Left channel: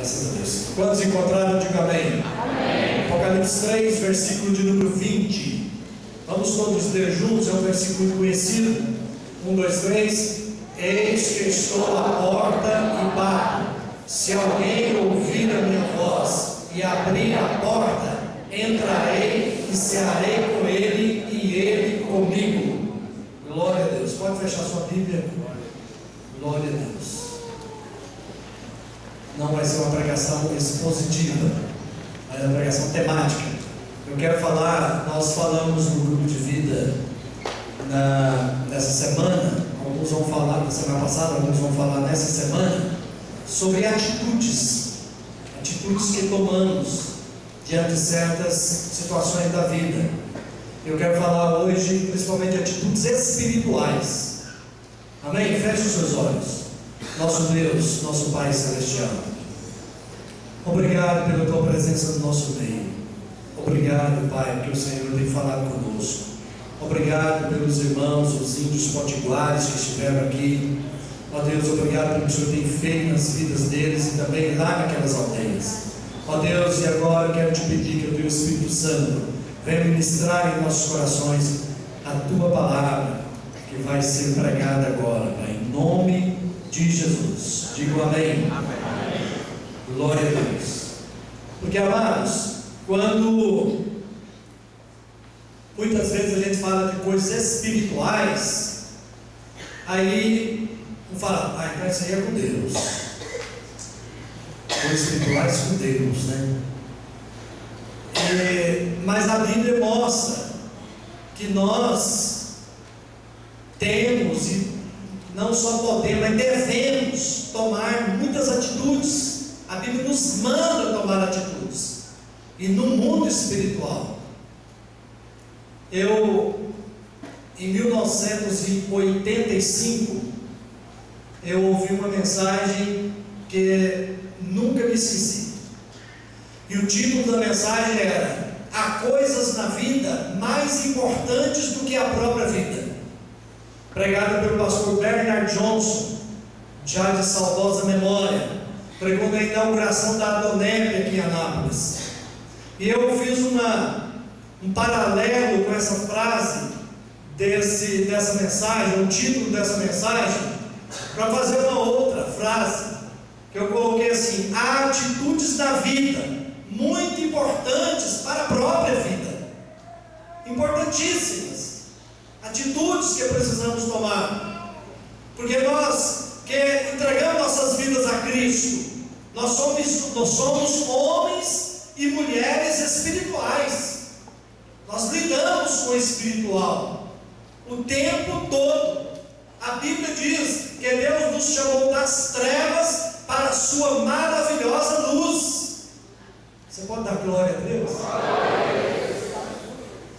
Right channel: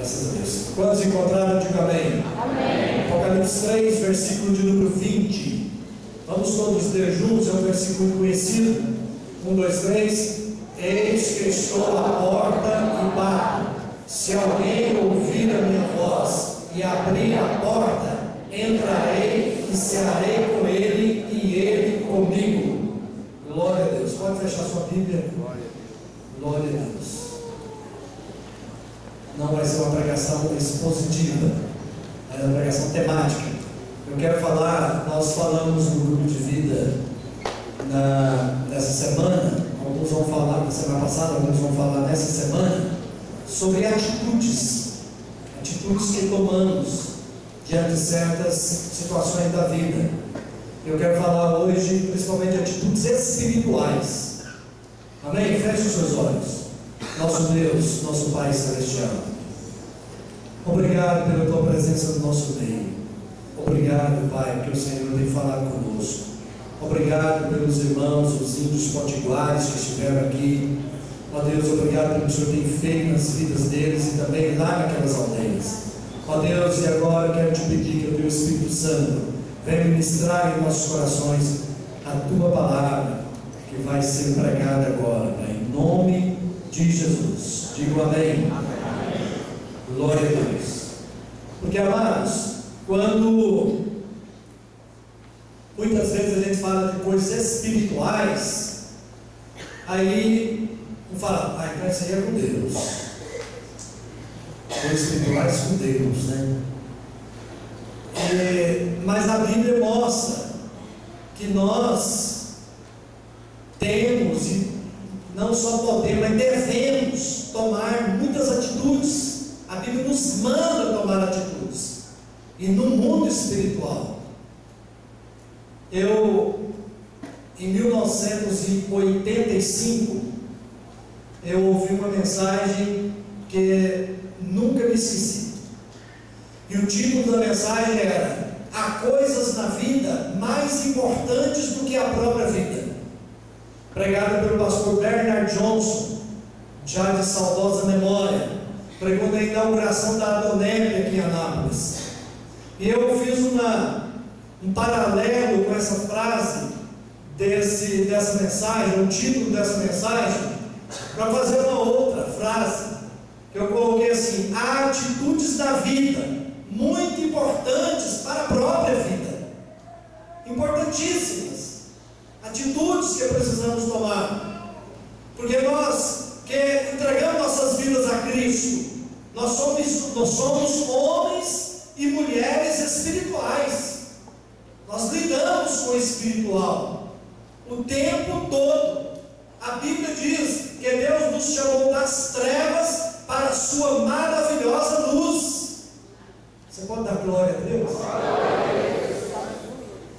Graças a Deus. Quantos encontraram? Diga amém. Amém. Apocalipse 3, versículo de número 20. Vamos todos ler juntos, é um versículo conhecido. 1, 2, 3. Eis que estou à porta e bato. Se alguém ouvir a minha voz e abrir a porta, entrarei e cearei com ele e ele comigo. Glória a Deus. Pode fechar sua Bíblia. Glória a Deus. Não vai ser uma pregação expositiva, mas uma pregação temática. Eu quero falar, nós falamos no grupo de vida nessa semana, alguns vão falar na semana passada, alguns vão falar nessa semana, sobre atitudes que tomamos diante de certas situações da vida. Eu quero falar hoje principalmente de atitudes espirituais. Amém? Feche os seus olhos. Nosso Deus, nosso Pai Celestial, obrigado pela Tua presença no nosso meio. Obrigado, Pai, porque o Senhor tem falado conosco. Obrigado pelos irmãos, os índios potiguares que estiveram aqui. Ó Deus, obrigado pelo que o Senhor tem feito nas vidas deles e também lá naquelas aldeias. Ó Deus, e agora eu quero te pedir que o Teu Espírito Santo venha ministrar em nossos corações a Tua palavra que vai ser pregada agora, Pai, em nome de Jesus. Digo amém. Amém. Glória a Deus. Porque, amados, quando muitas vezes a gente fala de coisas espirituais, aí um fala, então isso aí é com Deus. Coisas espirituais com Deus, né? Mas a Bíblia mostra que nós temos, e não só podemos, mas devemos tomar muitas atitudes. A Bíblia nos manda tomar atitudes. E no mundo espiritual, em 1985, eu ouvi uma mensagem que nunca me esqueci. E o título da mensagem era: há coisas na vida mais importantes do que a própria vida. Pregada pelo pastor Bernard Johnson, já de saudosa memória. Pregou na inauguração da Adonep aqui em Anápolis. E eu fiz um paralelo com essa frase dessa mensagem, o título dessa mensagem, para fazer uma outra frase que eu coloquei assim: há atitudes na vida muito importantes para a própria vida, importantíssimas, atitudes que precisamos tomar, porque nós que entregamos nossas vidas a Cristo, nós somos homens e mulheres espirituais. Nós lidamos com o espiritual o tempo todo. A Bíblia diz que Deus nos chamou das trevas para a sua maravilhosa luz. Você pode dar glória a Deus?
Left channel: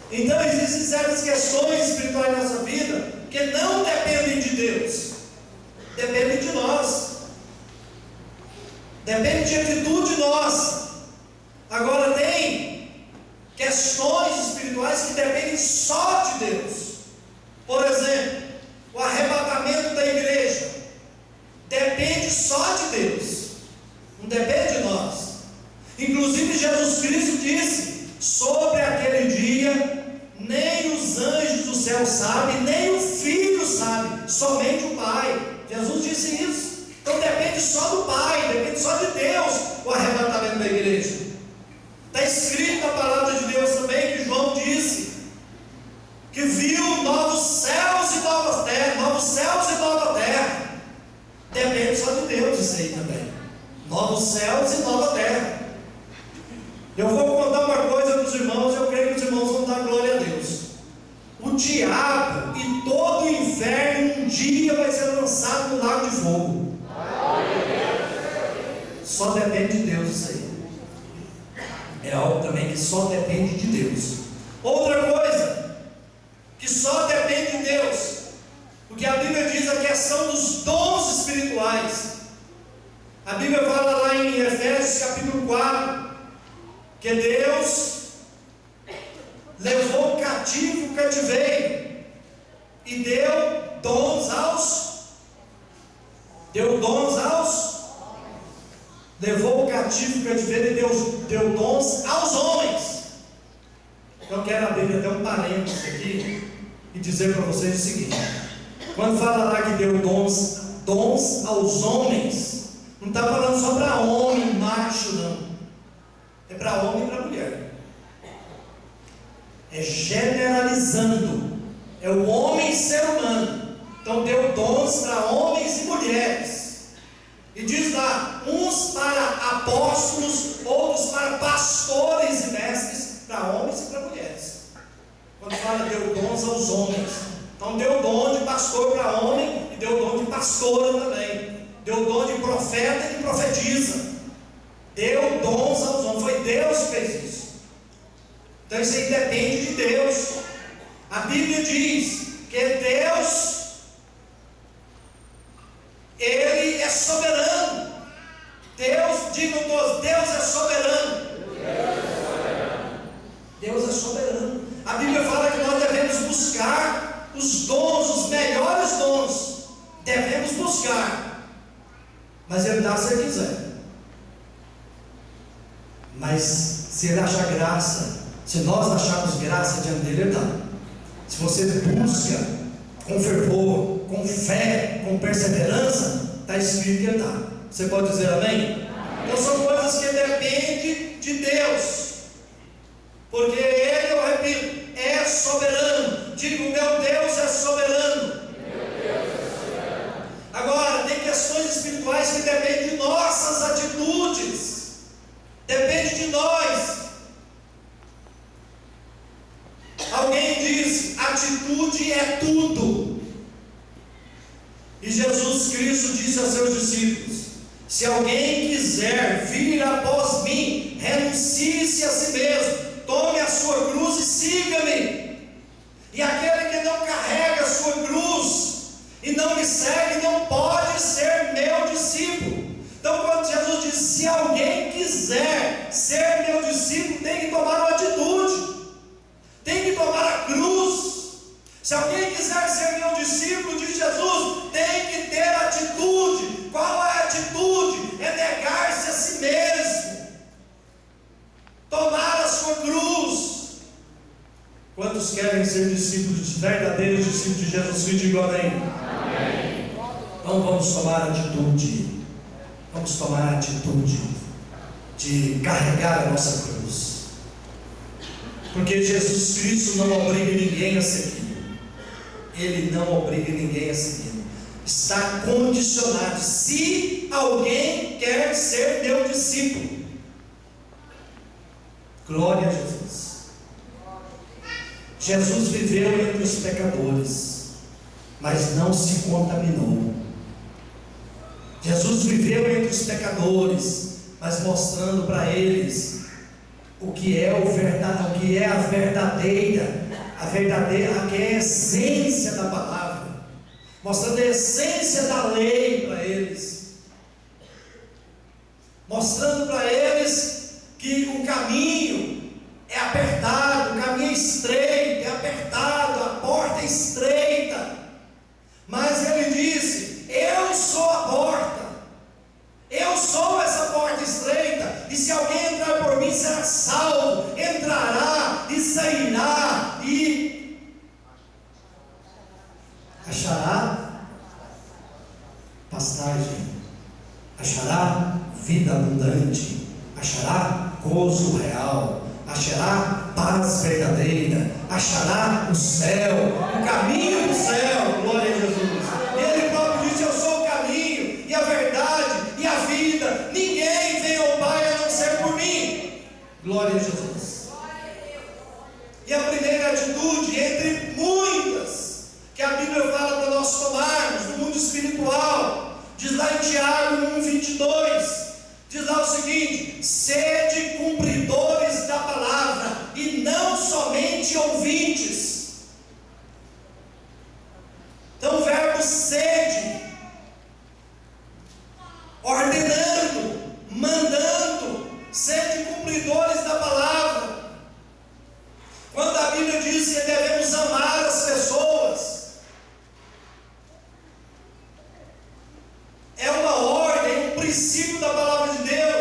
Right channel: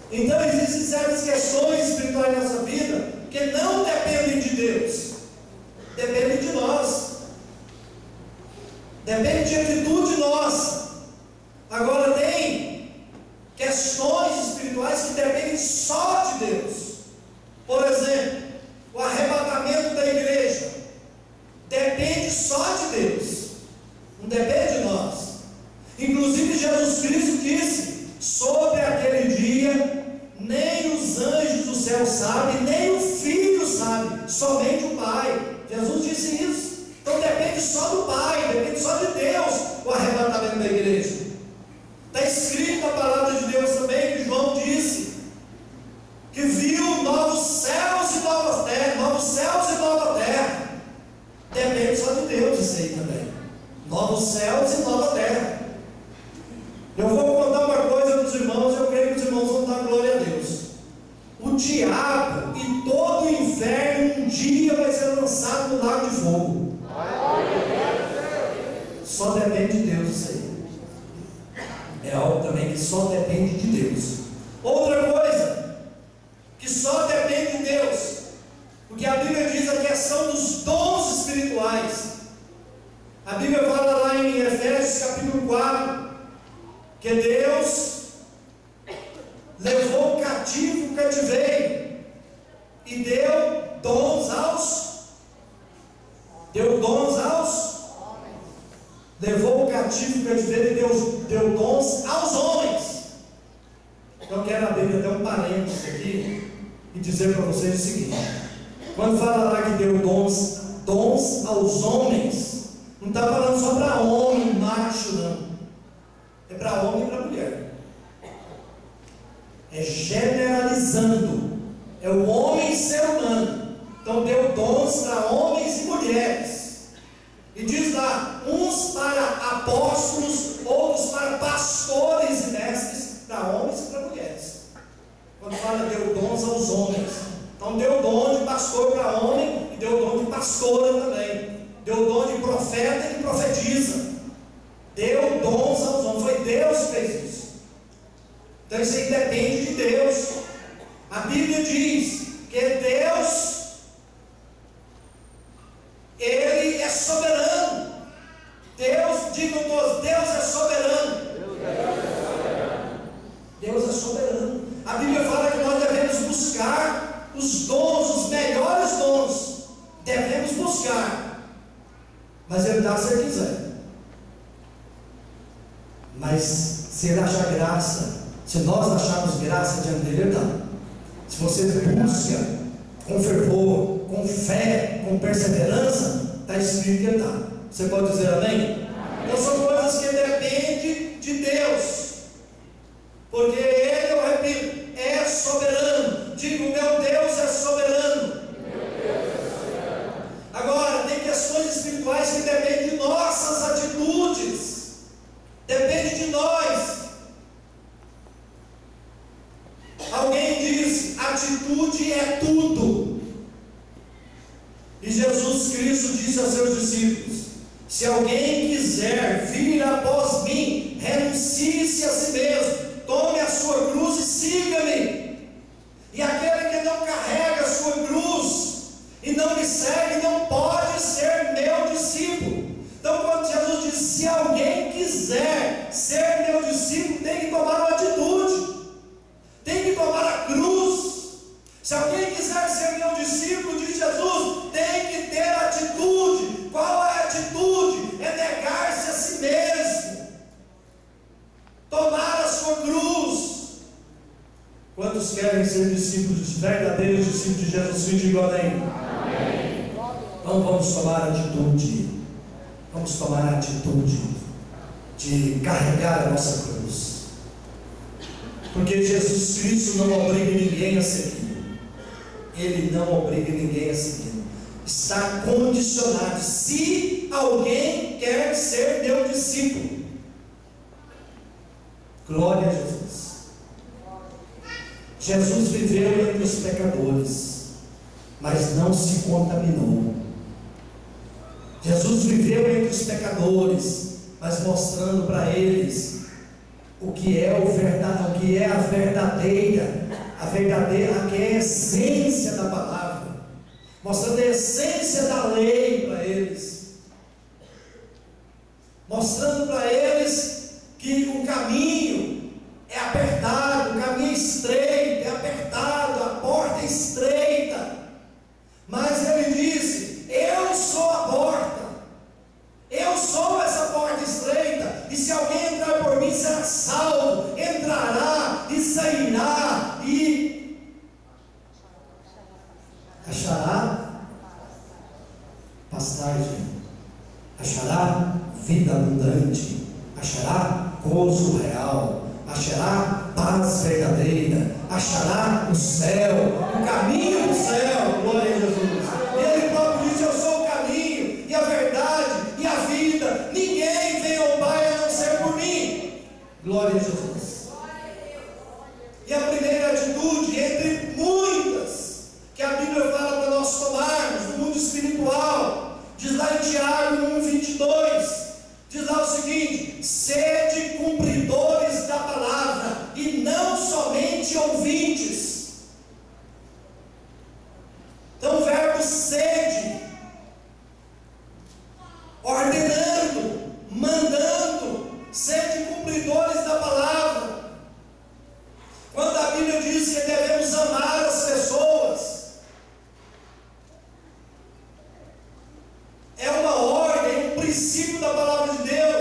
Então existem certas questões espirituais na nossa vida que não dependem de Deus, dependem de nós, depende de atitude nossa. Agora tem questões espirituais que dependem só de Deus. Por exemplo, o arrebatamento da igreja depende só de Deus, não depende de nós. Inclusive Jesus Cristo disse: sobre aquele dia nem os anjos do céu sabem, nem o Filho sabe, somente o Pai. Jesus disse isso. Então depende só do Pai, depende só de Deus o arrebatamento da igreja. Está escrito na palavra de Deus também que João disse que viu novos céus e nova terra, novos céus e nova terra. Depende só de Deus isso aí também. Novos céus e nova terra. Eu vou contar uma coisa para os irmãos, eu creio que os irmãos vão dar glória a Deus. O diabo e todo o inferno um dia vai ser lançado no lago de fogo. Só depende de Deus isso aí. É algo também que só depende de Deus. Outra coisa que só depende de Deus, porque a Bíblia diz a questão dos dons espirituais. A Bíblia fala lá em Efésios capítulo 4 que Deus levou cativo o cativeiro e deu dons aos levou o cativo o cativeiro e deu dons aos homens. Eu quero abrir até um parênteses aqui e dizer para vocês o seguinte: quando fala lá que deu dons aos homens, não está falando só para homem, macho, não. É para homem e para mulher. É generalizando. É o homem ser humano. Então deu dons para homens e mulheres. E diz lá, uns para apóstolos, outros para pastores e mestres, para homens e para mulheres. Quando fala deu dons aos homens, então deu dom de pastor para homem e deu dom de pastora também. Deu dom de profeta e de profetisa. Deu dons aos homens. Foi Deus que fez isso. Então isso aí depende de Deus. A Bíblia diz que Deus, Ele é soberano. Deus, digam todos, Deus é soberano. Deus é soberano. A Bíblia fala que nós devemos buscar os dons, os melhores dons. Devemos buscar. Mas Ele dá se Ele quiser. Mas se Ele achar graça, se nós acharmos graça diante dele, Ele dá. Se você busca com fervor, com fé, com perseverança, está escrito que Ele dá. Você pode dizer amém? Então são coisas que dependem de Deus. Porque Ele, eu repito, é soberano. Digo, meu Deus é soberano. Agora, tem questões espirituais que dependem de nossas atitudes. Depende de nós. Alguém diz, atitude é tudo. E Jesus Cristo disse aos seus discípulos: se alguém quiser vir após mim, renuncie-se a si mesmo, tome a sua cruz e siga-me. E aquele que não carrega a sua cruz e não me segue, não pode ser meu discípulo. Então quando Jesus diz, se alguém quiser ser meu discípulo, tem que tomar uma atitude, tem que tomar a cruz. Se alguém quiser ser meu discípulo, diz Jesus, tem que ter atitude. Qual é a atitude? É negar-se a si mesmo, tomar a sua cruz. Quantos querem ser discípulos, verdadeiros discípulos de Jesus Cristo? Digo amém. Então vamos tomar atitude. Vamos tomar a atitude de carregar a nossa cruz. Porque Jesus Cristo não obriga ninguém a seguir. Ele não obriga ninguém a seguir. Está condicionado. Se alguém quer ser meu discípulo. Glória a Jesus. Jesus viveu entre os pecadores, mas não se contaminou. Jesus viveu entre os pecadores, mas mostrando para eles o que é a verdadeira, que é a essência da palavra, mostrando a essência da lei para eles, mostrando para eles que o caminho é apertado, o caminho é estreito, é apertado, a porta é estreita, mas ele disse: eu sou a porta, eu sou essa porta estreita, e se alguém entrar por mim será salvo, entrará e sairá e achará pastagem, achará vida abundante, achará gozo real, achará paz verdadeira, achará o céu, o caminho do céu. Glória a Jesus. Ele próprio disse: eu sou o caminho e a verdade e a vida, ninguém vem ao Pai a não ser por mim. Glória a Jesus. E a primeira atitude, entre muitas, que a Bíblia fala para nós tomarmos no mundo espiritual, diz lá em Tiago 1:22, diz lá o seguinte: sede cumpridores da palavra e não somente ouvintes. Então o verbo sede, ordenando, mandando, sede cumpridores da palavra. Quando a Bíblia diz que devemos amar as pessoas, é uma ordem, um princípio da palavra de Deus.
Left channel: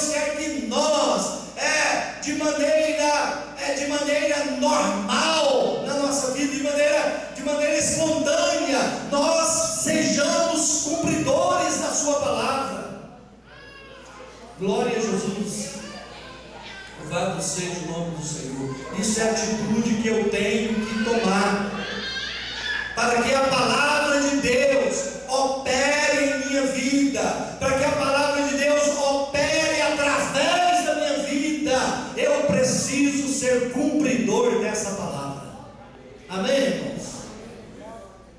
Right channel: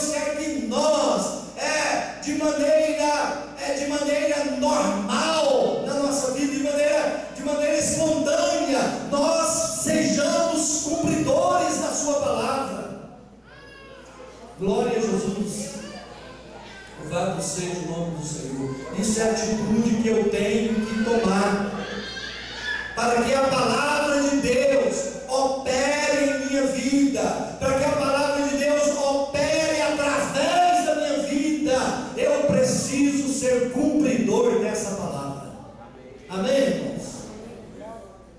Deus quer que nós, de maneira normal na nossa vida, de maneira espontânea, nós sejamos cumpridores da sua palavra. Glória a Jesus. Louvado seja o nome do Senhor. Isso é a atitude que eu tenho que tomar, para que a palavra de Deus opere em minha vida, para que a palavra de Deus opere através da minha vida. Eu preciso ser cumpridor dessa palavra. Amém, irmãos?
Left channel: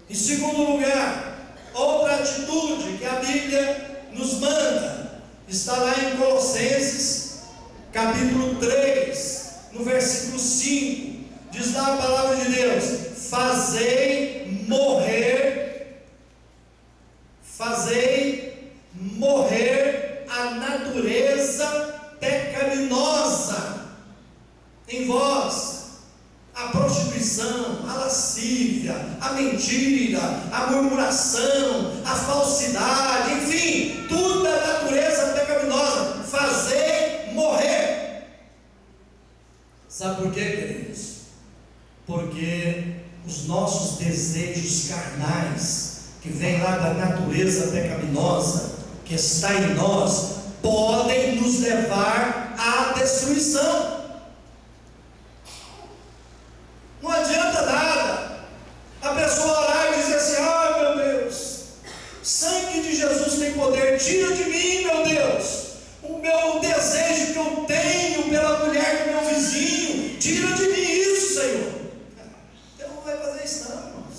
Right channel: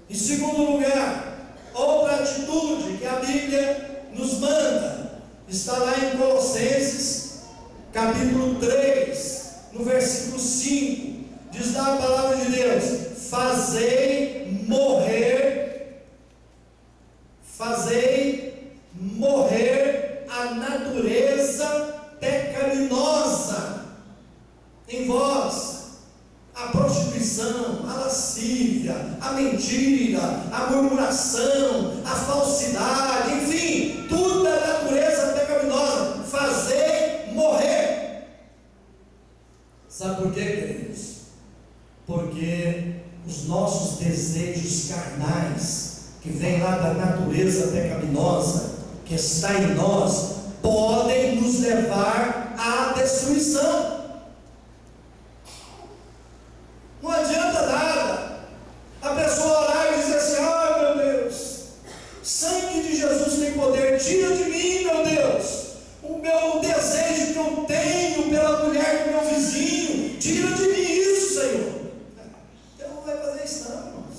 Em segundo lugar, outra atitude que a Bíblia nos manda está lá em Colossenses capítulo 3, no versículo 5, diz lá a palavra de Deus: fazei morrer a natureza pecaminosa em vós, a prostituição, a lascívia, a mentira, a murmuração, a falsidade, enfim, tudo da natureza pecaminosa, fazei morrer. Sabe por quê, queridos? Porque os nossos desejos carnais, que vêm lá da natureza pecaminosa que está em nós, podem nos levar à destruição. Não adianta nada a pessoa orar e dizer assim: ah, meu Deus, sangue de Jesus tem poder, tira de mim, meu Deus, o meu desejo que eu tenho pela mulher do meu vizinho, tira de mim isso, Senhor. Então não vai fazer isso não, irmãos.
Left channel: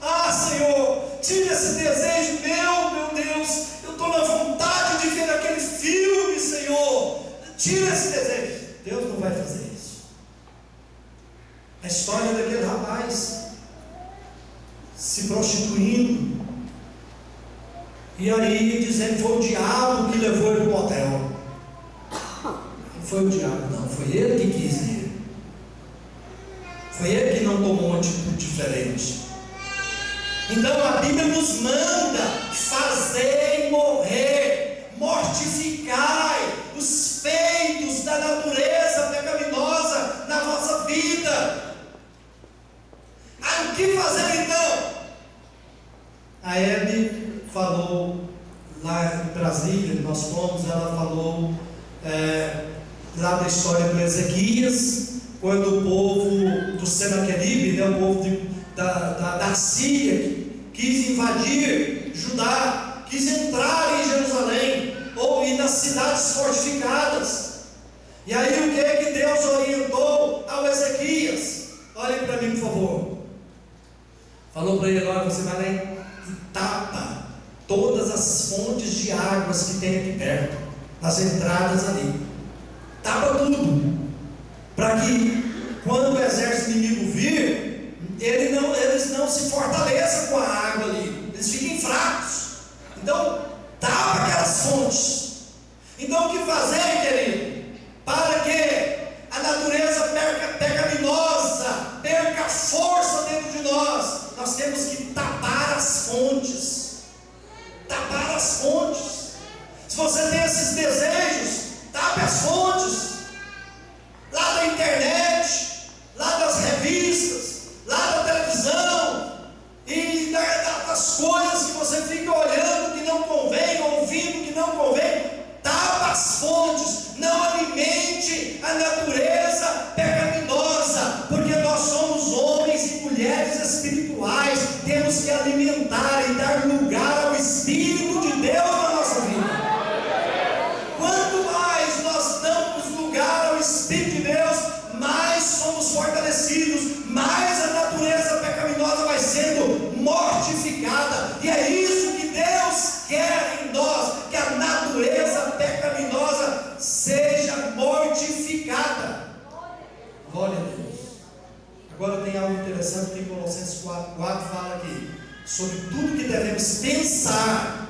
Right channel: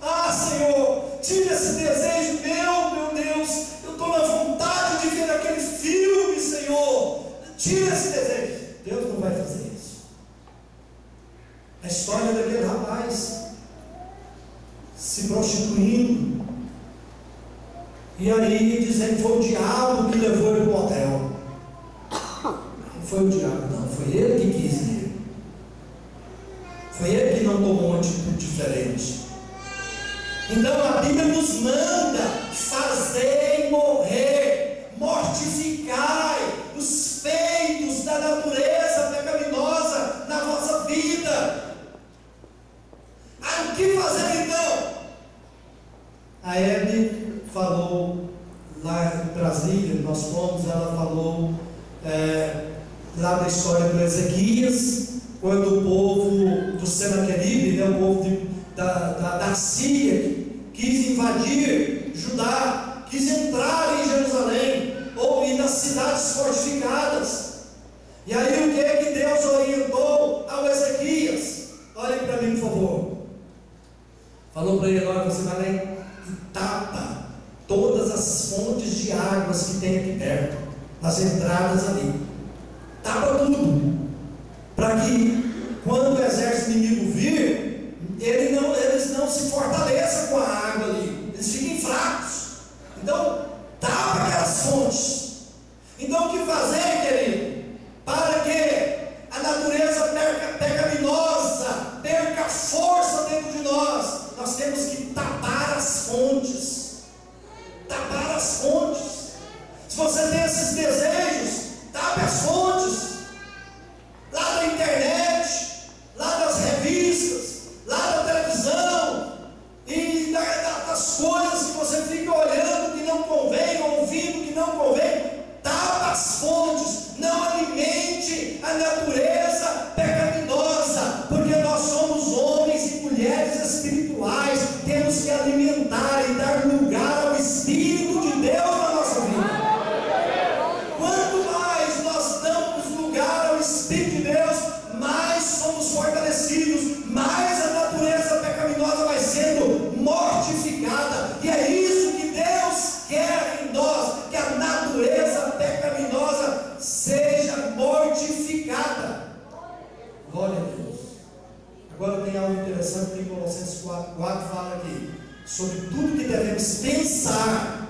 Ah, Senhor, tira esse desejo meu Deus, eu estou na vontade de ver aquele filme, Senhor, tira esse desejo. Deus não vai fazer isso. A história daquele rapaz se prostituindo, e aí dizendo que foi o diabo que levou ele para o motel. Não foi o diabo, não, foi ele que quis ir. Foi ele que não tomou uma atitude diferente. Então a Bíblia nos manda: fazei morrer, mortificai os feitos da natureza pecaminosa na vossa vida. O que fazer então? A Hebe falou lá em Brasília, nós fomos, ela falou lá da história do Ezequias, quando o povo do Senaqueribe, o povo da Síria, quis invadir Judá, quis entrar em Jerusalém, ou ir nas cidades fortificadas. E aí o que é que Deus orientou ao Ezequias? Olhem para mim, por favor. Falou para ele: olha, você vai lá e tapa todas as fontes de águas que tem aqui perto, nas entradas ali. Tapa tudo, para que quando o exército inimigo vir, eles não se fortaleçam com a água ali, eles fiquem fracos. Então tapa aquelas fontes. Então o que fazer, querido? Para que a natureza pecaminosa perca força dentro de nós, nós temos que tapar as fontes. Tapar as fontes. Se você tem esses desejos, tape as fontes. Lá da internet, lá das revistas, lá da televisão, e das coisas que você fica olhando que não convém, ouvindo que não convém. Tapa as fontes. Não alimente a natureza pecaminosa, porque nós somos homens e mulheres espirituais, temos que alimentar e dar lugar ao Espírito de Deus na nossa vida. Quanto mais nós damos lugar ao Espírito de Deus, mais somos fortalecidos, mais a natureza pecaminosa vai sendo mortificada. E é isso que Deus quer em nós, que a natureza pecaminosa seja mortificada. Glória a Deus. Agora tem algo interessante que em Colossenses 4 fala aqui sobre tudo que devemos pensar,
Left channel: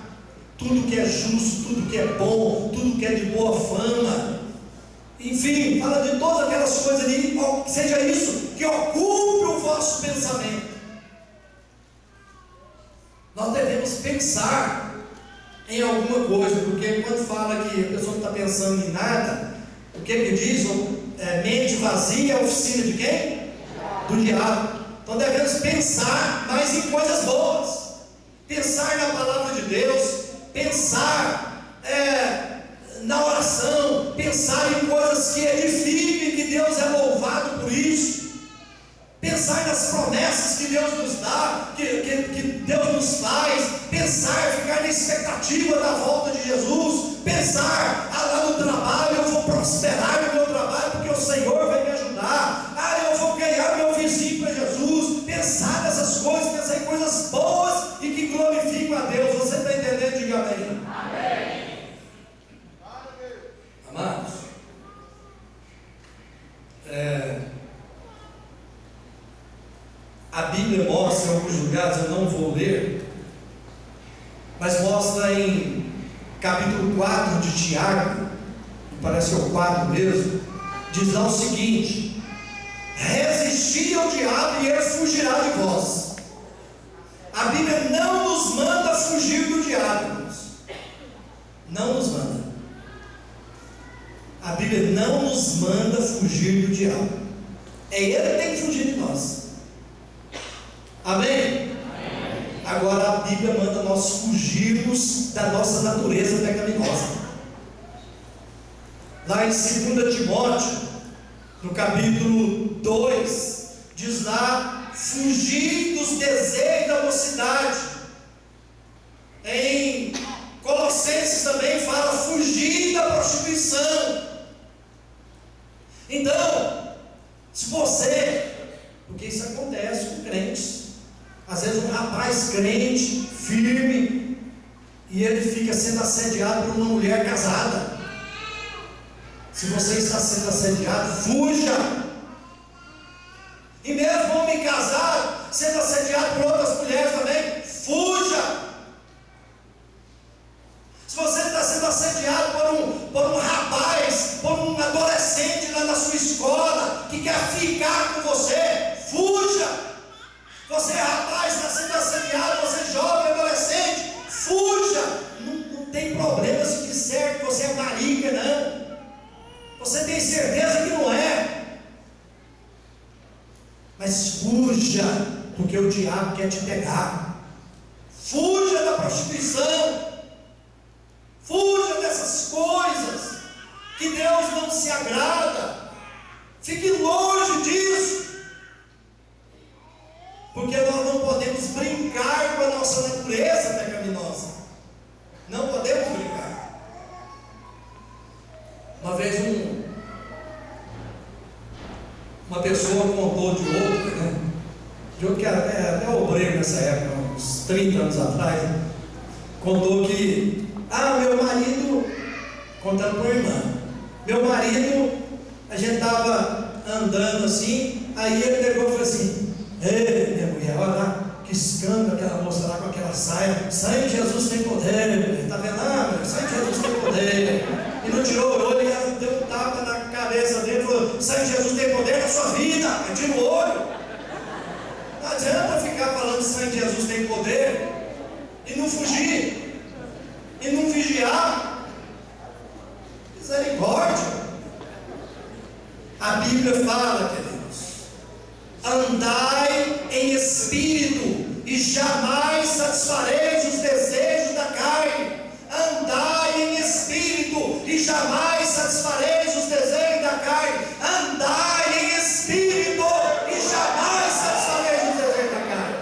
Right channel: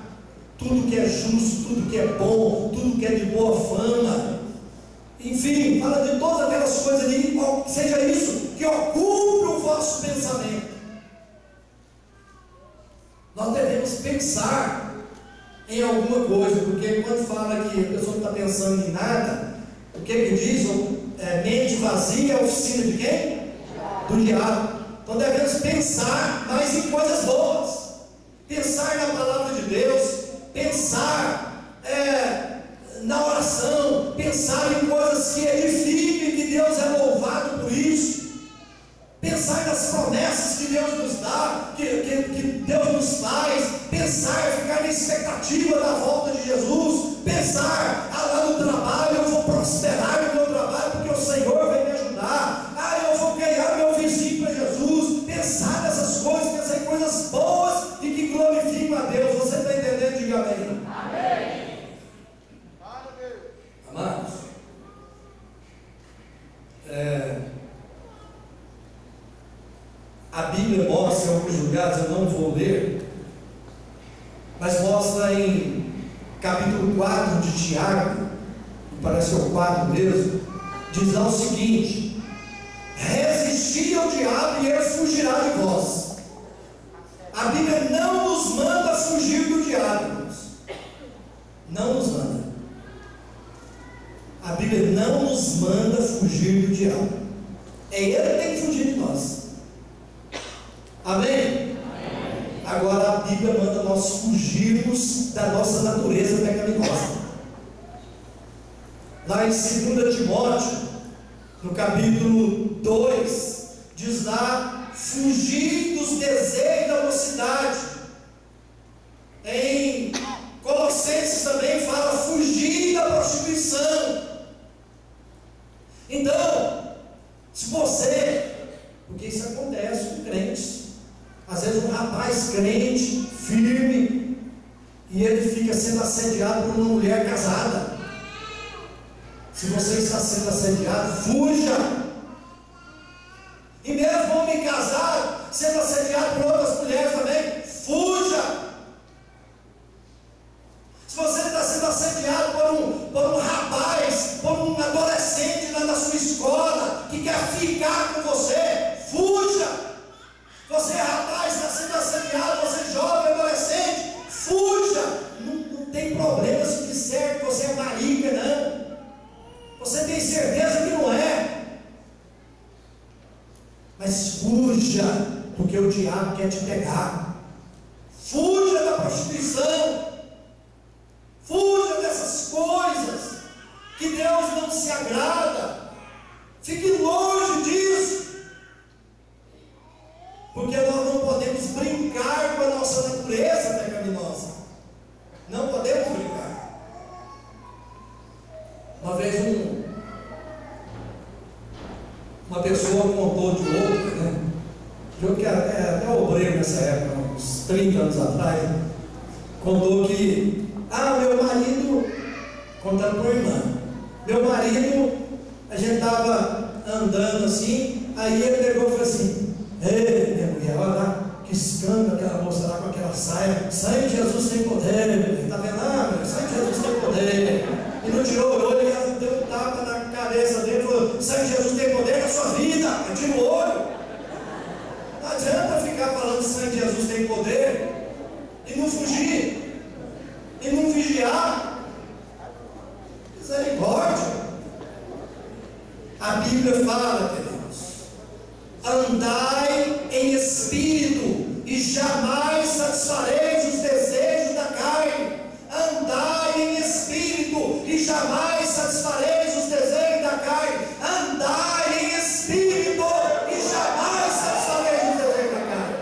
tudo que é justo, tudo que é bom, tudo que é de boa fama, enfim, fala de todas aquelas coisas ali. Seja isso que ocupe o vosso pensamento. Nós devemos pensar em alguma coisa, porque quando fala que a pessoa não está pensando em nada, o que diz? Mente vazia é a oficina de quem? Do diabo. Então devemos pensar mais em coisas boas, pensar na palavra de Deus, pensar na oração, pensar em coisas que edifiquem, que Deus é louvado por isso, pensar nas promessas que Deus nos dá, que Deus nos faz, pensar, ficar na expectativa da volta de Jesus, pensar, lá no trabalho eu vou prosperar no meu trabalho, porque o Senhor vai me ajudar, eu vou ganhar meu vizinho para Jesus, pensar nessas coisas, pensar em coisas boas e que glorificam a Deus. Você está entendendo? Diga amém. Amém. Amados, a Bíblia mostra em alguns lugares, eu não vou ler, mas mostra em capítulo 4 de Tiago, parece que é o 4 mesmo, diz lá o seguinte: resisti ao diabo e ele fugirá de vós. A Bíblia não nos manda fugir do diabo, irmãos. Não nos manda. A Bíblia não nos manda fugir do diabo. É ele que tem que fugir de nós. Amém? Amém. Agora a Bíblia manda nós fugirmos da nossa natureza pecaminosa. Lá em 2 Timóteo, no capítulo 2, diz lá: fugir dos desejos da mocidade. Em Colossenses também fala: fugir da prostituição. Então, se você, porque isso acontece com crentes, às vezes um rapaz crente, firme, e ele fica sendo assediado por uma mulher casada. Se você está sendo assediado, fuja. E mesmo homem casado sendo assediado por outras mulheres também, fuja. Se você está sendo assediado por um rapaz, por um adolescente lá na sua escola, que quer ficar com você, fuja. Você é rapaz, está sendo assediado, você é jovem, adolescente, fuja. Não tem problema se disser que você é marica, não. Você tem certeza que não é, mas fuja, porque o diabo quer te pegar. Fuja da prostituição, fuja dessas coisas que Deus não se agrada. Fique longe disso, porque nós não podemos brincar com a nossa natureza pecaminosa. Não podemos brincar. Uma vez uma pessoa contou de outro, de outro que era até obreiro nessa época, uns 30 anos atrás, contou que, meu marido, contando para a irmã, meu marido, a gente estava andando assim, aí ele pegou e falou assim: ei, minha mulher, olha lá, que escândalo aquela moça lá com aquela saia, sangue de Jesus tem poder, está vendo? Sangue de Jesus tem poder. E não tirou o olho, e deu um tapa na cabeça dele e falou: sangue de Jesus tem poder na sua vida. Aí tira o olho. Não adianta ficar falando que sangue de Jesus tem poder e não fugir, e não vigiar. Misericórdia. A Bíblia fala, queridos: andai em espírito e jamais satisfareis os desejos da carne. Andai em espírito e jamais satisfareis os desejos da carne. Andai em espírito e jamais satisfareis os desejos da carne.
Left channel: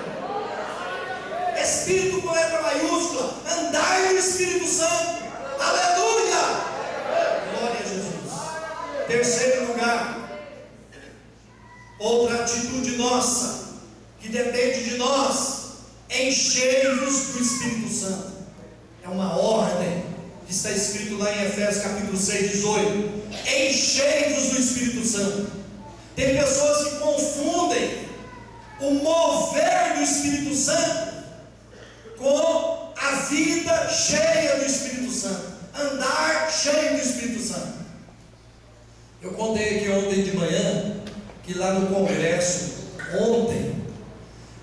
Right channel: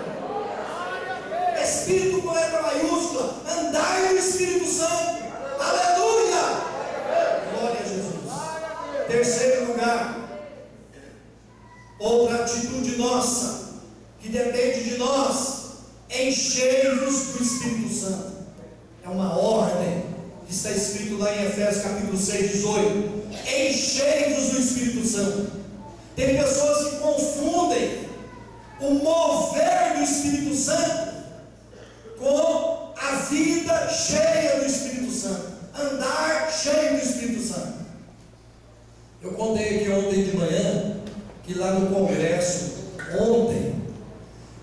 Espírito com letra maiúscula. Andai no Espírito Santo. Aleluia! Glória a Jesus. Terceiro lugar, outra atitude nossa, que depende de nós: enchei-vos do Espírito Santo. É uma ordem que está escrito lá em Efésios capítulo 6, 18: enchei-vos do Espírito Santo. Tem pessoas que confundem o mover do Espírito Santo com a vida cheia do Espírito Santo, andar cheio do Espírito Santo. Eu contei aqui ontem de manhã que lá no congresso, ontem,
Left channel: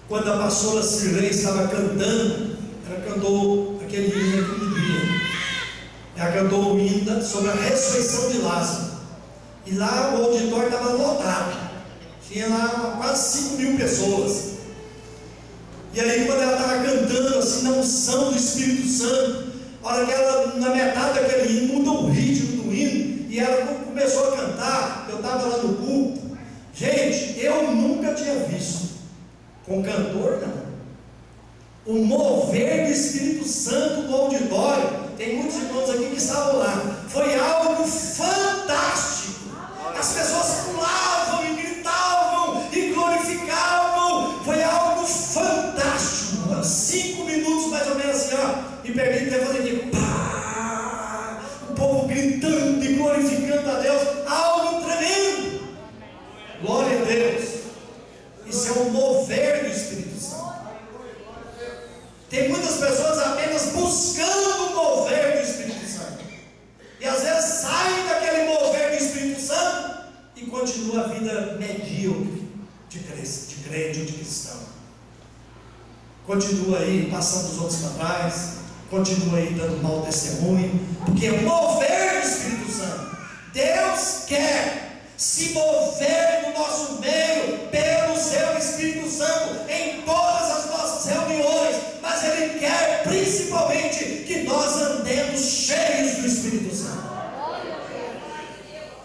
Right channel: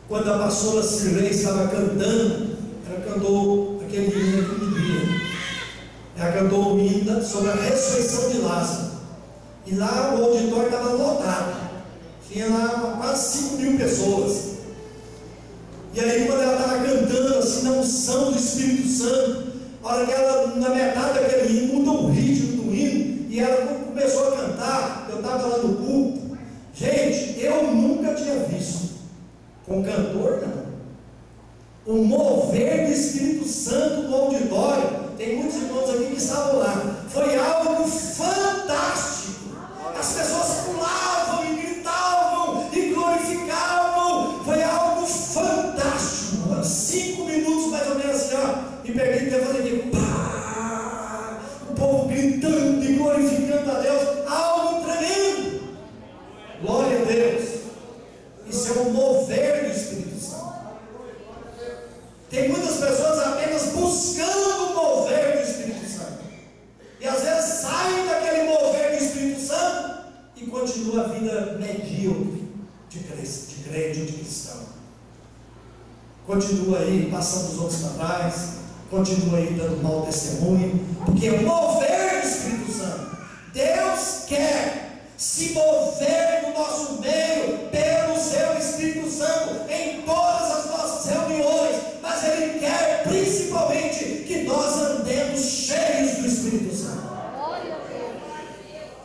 quando a pastora Cirlei estava cantando, ela cantou aquele hino que me guia. já cantou o hino sobre a ressurreição de Lázaro. E lá o auditório estava lotado. Tinha lá quase 5.000 pessoas. E aí, quando ela estava cantando assim, na unção do Espírito Santo, a hora que ela, na metade daquele hino, muda o ritmo do hino, e ela começou a cantar. Eu estava lá no culto. Gente, eu nunca tinha visto, com cantor não, o mover do Espírito Santo no auditório. Tem muitos irmãos aqui que estavam lá. Foi algo fantástico. As pessoas pulavam e gritavam e glorificavam. Foi algo fantástico. 5 minutos mais ou menos assim, ó, e perdi até fazer aqui, pá, o povo gritando e glorificando a Deus. Algo tremendo. Glória a Deus. Isso é um mover do Espírito Santo. Tem muitas pessoas apenas buscando o mover do Espírito Santo, e às vezes saem daquele mover do Espírito Santo e continua a vida medíocre de crente ou de cristão. Continua aí passando os outros para trás, continua aí dando mau testemunho, porque o mover do Espírito Santo, Deus quer se mover no nosso meio pelo seu Espírito Santo em todas as nossas reuniões, mas Ele quer principalmente que nós andemos cheios do Espírito Santo.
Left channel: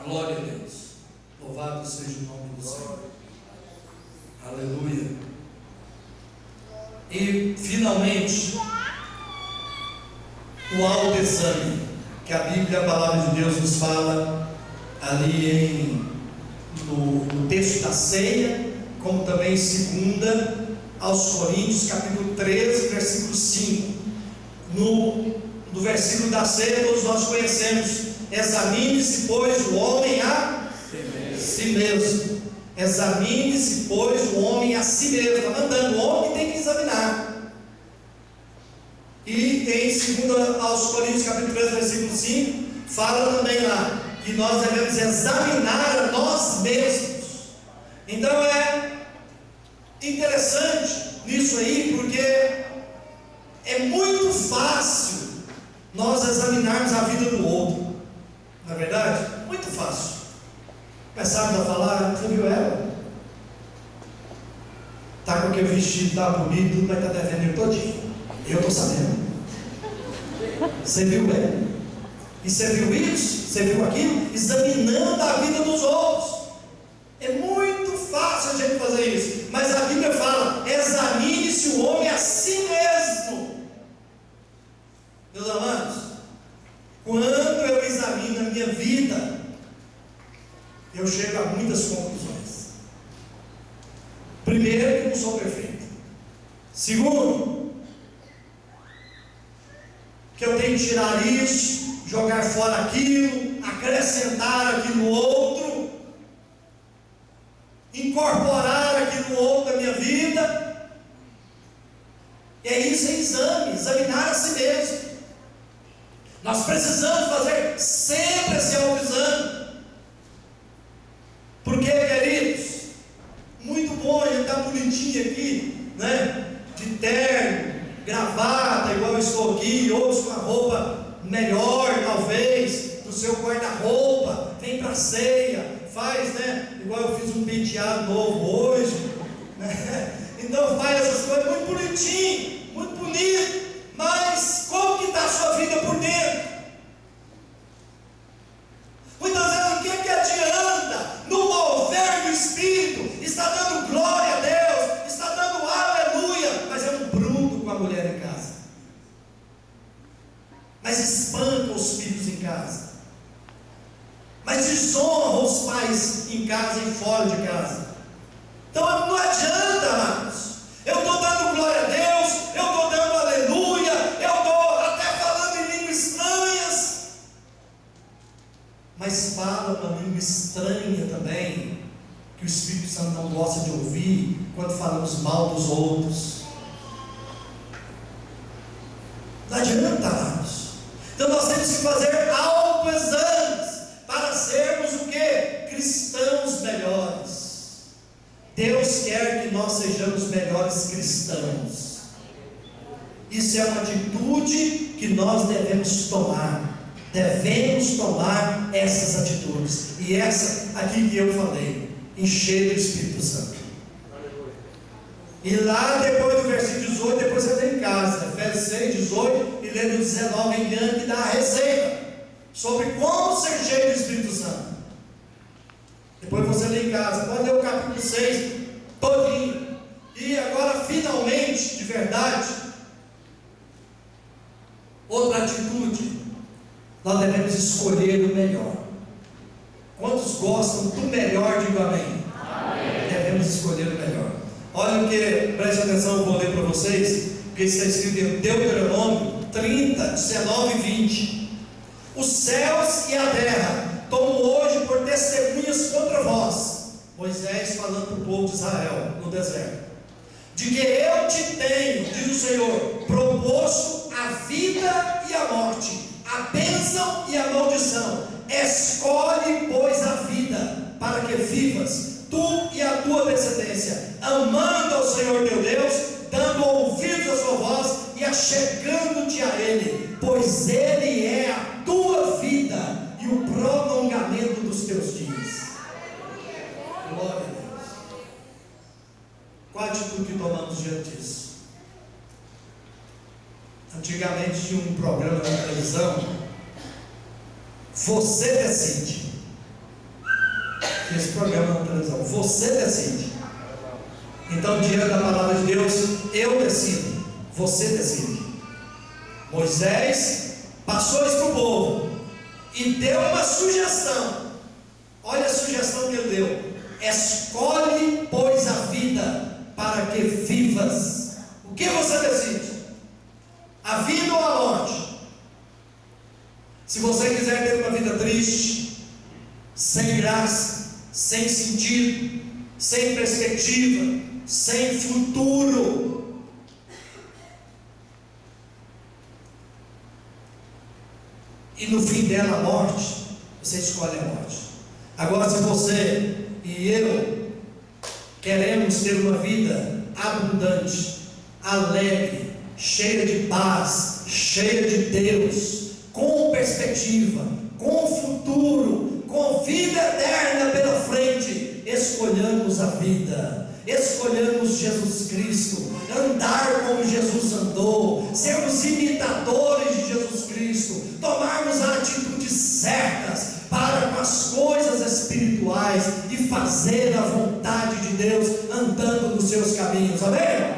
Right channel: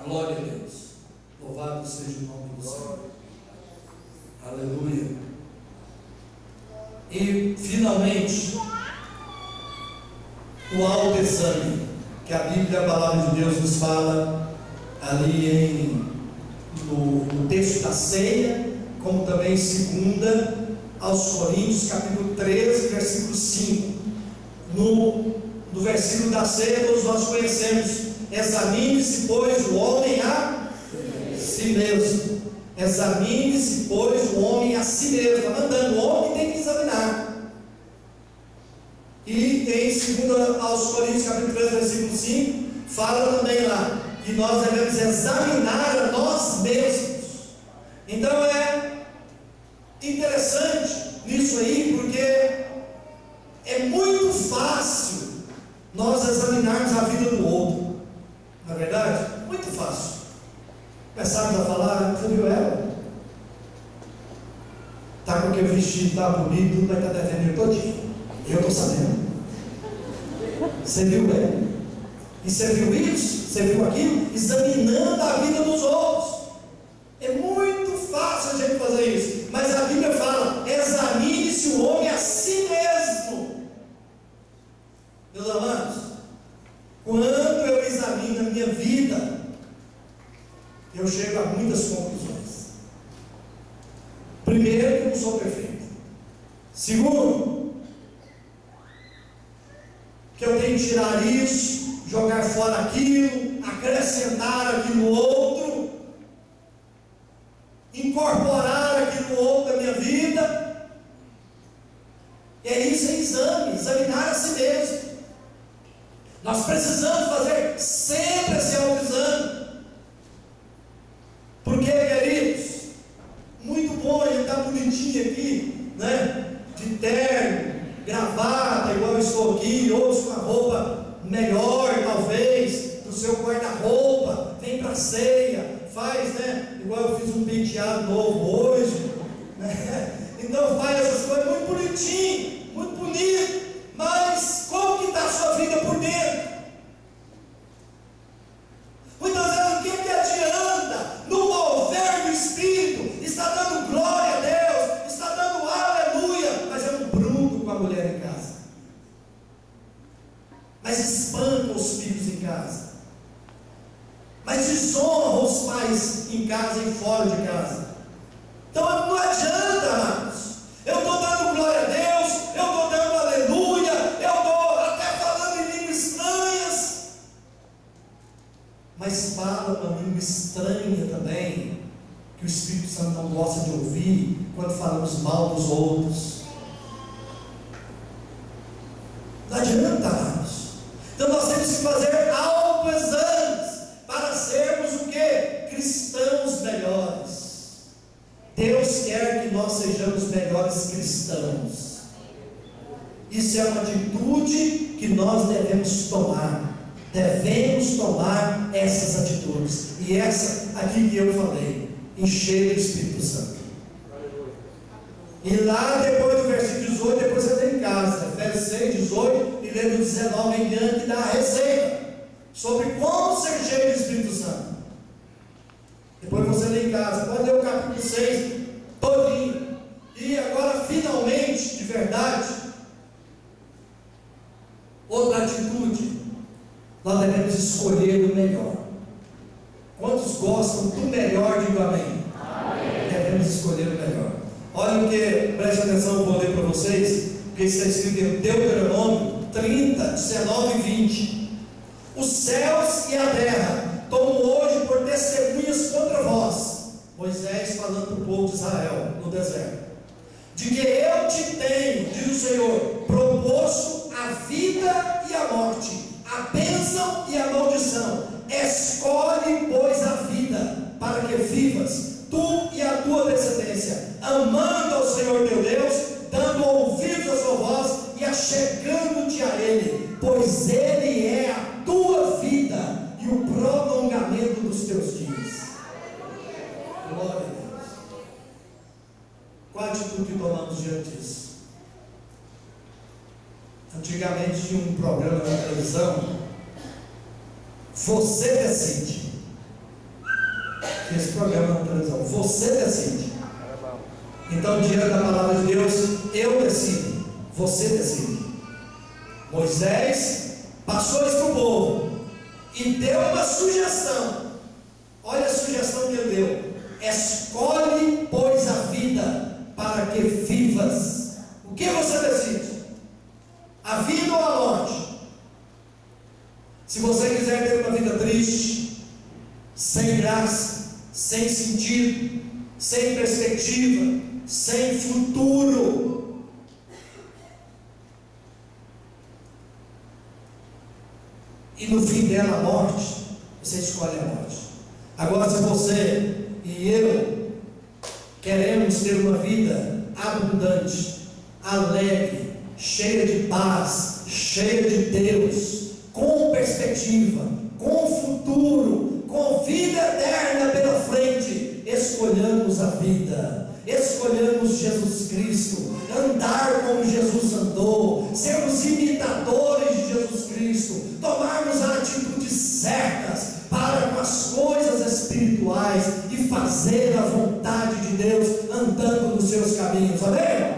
Glória a Deus. Louvado seja o nome do Senhor. Aleluia. E finalmente, o autoexame, que a Bíblia, a palavra de Deus, nos fala ali no texto da ceia, como também em 2 aos Coríntios, capítulo 13, versículo 5. No versículo da ceia, todos nós conhecemos: examine-se, pois, o homem a si mesmo. Examine-se, pois, o homem a si mesmo. Está mandando, o homem tem que examinar. E em 2 aos Coríntios, capítulo 13, versículo 5, fala também lá que nós devemos examinar a nós mesmos. Então é interessante nisso aí, porque é muito fácil nós examinarmos a vida do outro, não é verdade? Muito fácil. Começarmos a falar: você viu ela? Está com aquele vestido, está bonito, tudo, vai estar devendo ele todinho. Eu estou sabendo. Você viu ela? E você viu isso? Você viu aquilo? Examinando a vida dos outros. É muito fácil a gente fazer isso, mas a Bíblia fala: examine-se o homem a si mesmo. Meus amados, quando eu examino a minha vida, eu chego a muitas conclusões. Primeiro, que eu não sou perfeito. Segundo, que eu tenho que tirar isso, jogar fora aquilo, acrescentar aquilo outro, incorporar aquilo outro da minha vida. E é isso, é exame, examinar a si mesmo. Nós precisamos fazer sempre esse autoexame. Porque, queridos, muito bom a gente estar bonitinho aqui, né? De terno, gravata, igual eu estou aqui, outros com a roupa melhor, talvez, do seu guarda-roupa, vem para a ceia, faz, né? Igual eu fiz um penteado novo hoje, né? Então faz essas coisas muito bonitinho, muito bonito, mas como que está a sua vida por dentro? Muitas vezes, o que adianta no mover do Espírito? Está dando glória a Deus, está dando aleluia, mas é um bruto com a mulher em casa, mas espanca os filhos em casa, mas desonra os pais em casa e fora de casa. Então não adianta, amados. Eu estou dando glória a Deus, eu estou dando aleluia, eu estou até falando em línguas estranhas, mas fala uma língua estranha também, que o Espírito Santo não gosta de ouvir, quando falamos mal dos outros. Não adianta, amados. Então nós temos que fazer autoexames para sermos o quê? Cristãos melhores. Deus quer que nós sejamos melhores cristãos. Isso é uma atitude que nós devemos tomar. devemos tomar essas atitudes. E essa aqui que eu falei, encher do Espírito Santo. E lá depois do versículo 18, depois você tem em casa, Efésios 6, 18 e lendo 19 em diante, dá a receita sobre como ser cheio do Espírito Santo. Depois você lê em casa, pode ler o capítulo 6 todinho. E agora finalmente, de verdade, outra atitude, nós devemos escolher o melhor. Quantos gostam do melhor, digo amém. Amém. Devemos escolher o melhor. Olha o que, preste atenção, eu vou ler para vocês, porque está escrito em Deuteronômio 30, 19 e 20. Os céus e a terra tomam hoje por testemunhas contra vós, Moisés falando para o povo de Israel no deserto, de que eu te tenho, diz o Senhor, proposto a vida e a morte, a bênção e a maldição. Escolhe, pois, a vida, para que vivas, tu e a tua descendência, amando ao Senhor teu Deus, dando ouvidos à sua voz e achegando-te a Ele, pois Ele é a tua vida e o prolongamento dos teus dias. Glória a Deus. Qual a atitude que tomamos diante disso? Antigamente tinha um programa na televisão, Você Decide. Esse programa na televisão, Você Decide. Então, diante da palavra de Deus, eu decido, você decide. Moisés passou isso para o povo e deu uma sugestão. Olha a sugestão que ele deu: escolhe, pois, a vida, para que vivas. O que você decide? A vida ou a morte? Se você quiser ter uma vida triste, sem graça, sem sentido, sem perspectiva, sem futuro, e no fim dela a morte, você escolhe a morte. Agora, se você e eu queremos ter uma vida abundante, alegre, cheia de paz, cheia de Deus, com perspectiva, com futuro, com vida eterna pela frente, escolhamos a vida, escolhamos Jesus Cristo, andar como Jesus andou, sermos imitadores de Jesus Cristo, tomarmos as atitudes certas para com as coisas espirituais e fazer a vontade de Deus, andando nos seus caminhos. Amém?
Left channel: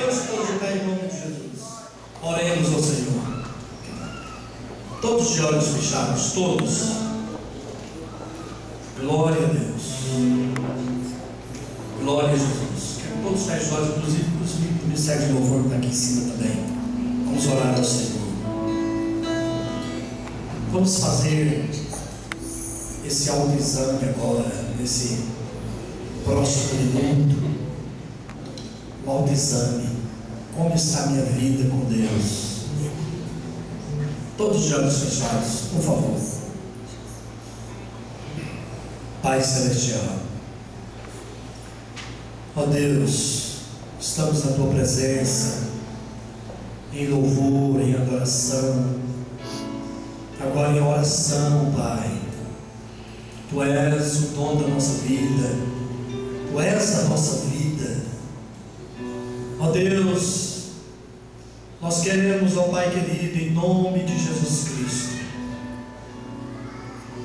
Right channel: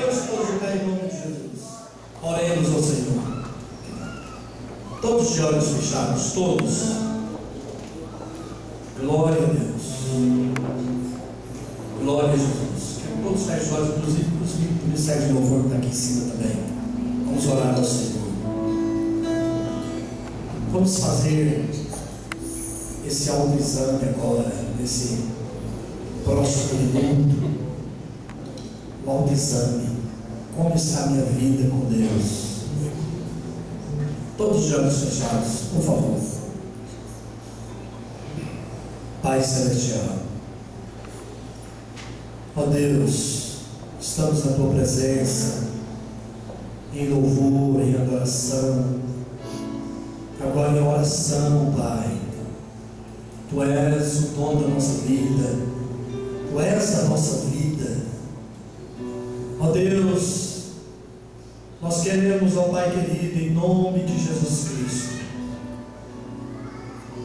Vamos todos ficar em nome de Jesus. Oremos ao Senhor. Todos de olhos fechados, todos. Glória a Deus. Glória a Jesus. Quero todos fechem os olhos, inclusive o ministério de louvor está aqui em cima também. Vamos orar ao Senhor. Vamos fazer esse autoexame agora, nesse próximo minuto. O autoexame. Como está a minha vida com Deus? Todos de olhos fechados, por favor. Pai Celestial, ó Deus, estamos na Tua presença, em louvor, em adoração, agora em oração, Pai. Tu és o dono da nossa vida, Tu és a nossa vida, ó Deus. Nós queremos, ó Pai querido, em nome de Jesus Cristo,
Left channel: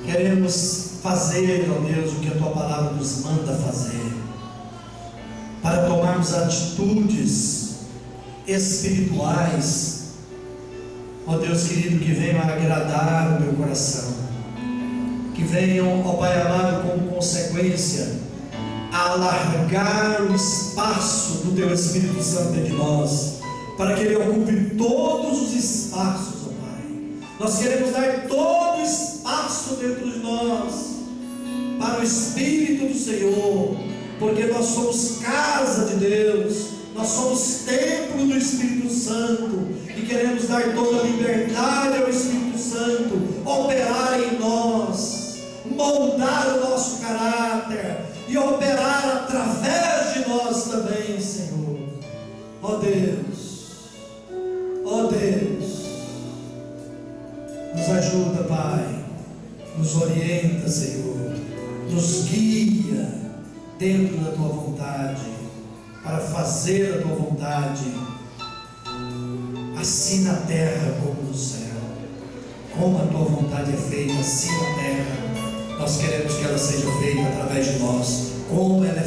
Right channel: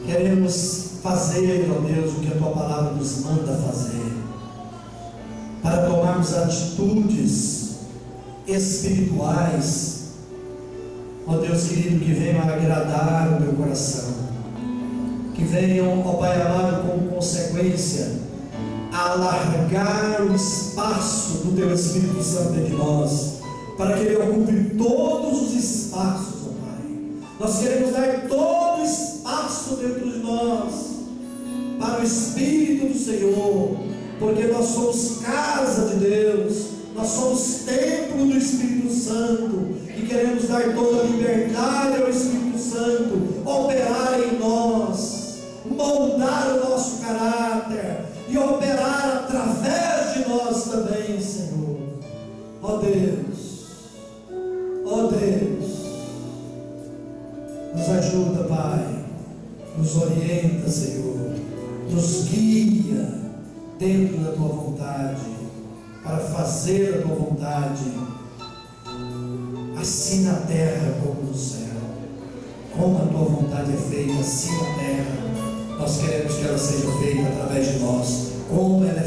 queremos fazer, ó Deus, o que a Tua palavra nos manda fazer, para tomarmos atitudes espirituais, ó Deus querido, que venham a agradar o Teu coração, que venham, ó Pai amado, como consequência, a alargar o espaço do Teu Espírito Santo dentro de nós, para que Ele ocupe todos os espaços, ó Pai. Nós queremos dar todo o espaço dentro de nós para o Espírito do Senhor, porque nós somos casa de Deus, nós somos templo do Espírito Santo, e queremos dar toda a liberdade ao Espírito Santo operar em nós, moldar o nosso caráter e operar através de nós também, Senhor. Ó Deus, ó Deus, nos ajude ajuda, Pai, nos orienta, Senhor, nos guia dentro da Tua vontade, para fazer a Tua vontade, assim na terra como no céu. Como a Tua vontade é feita assim na terra, nós queremos que ela seja feita através de nós, como ela é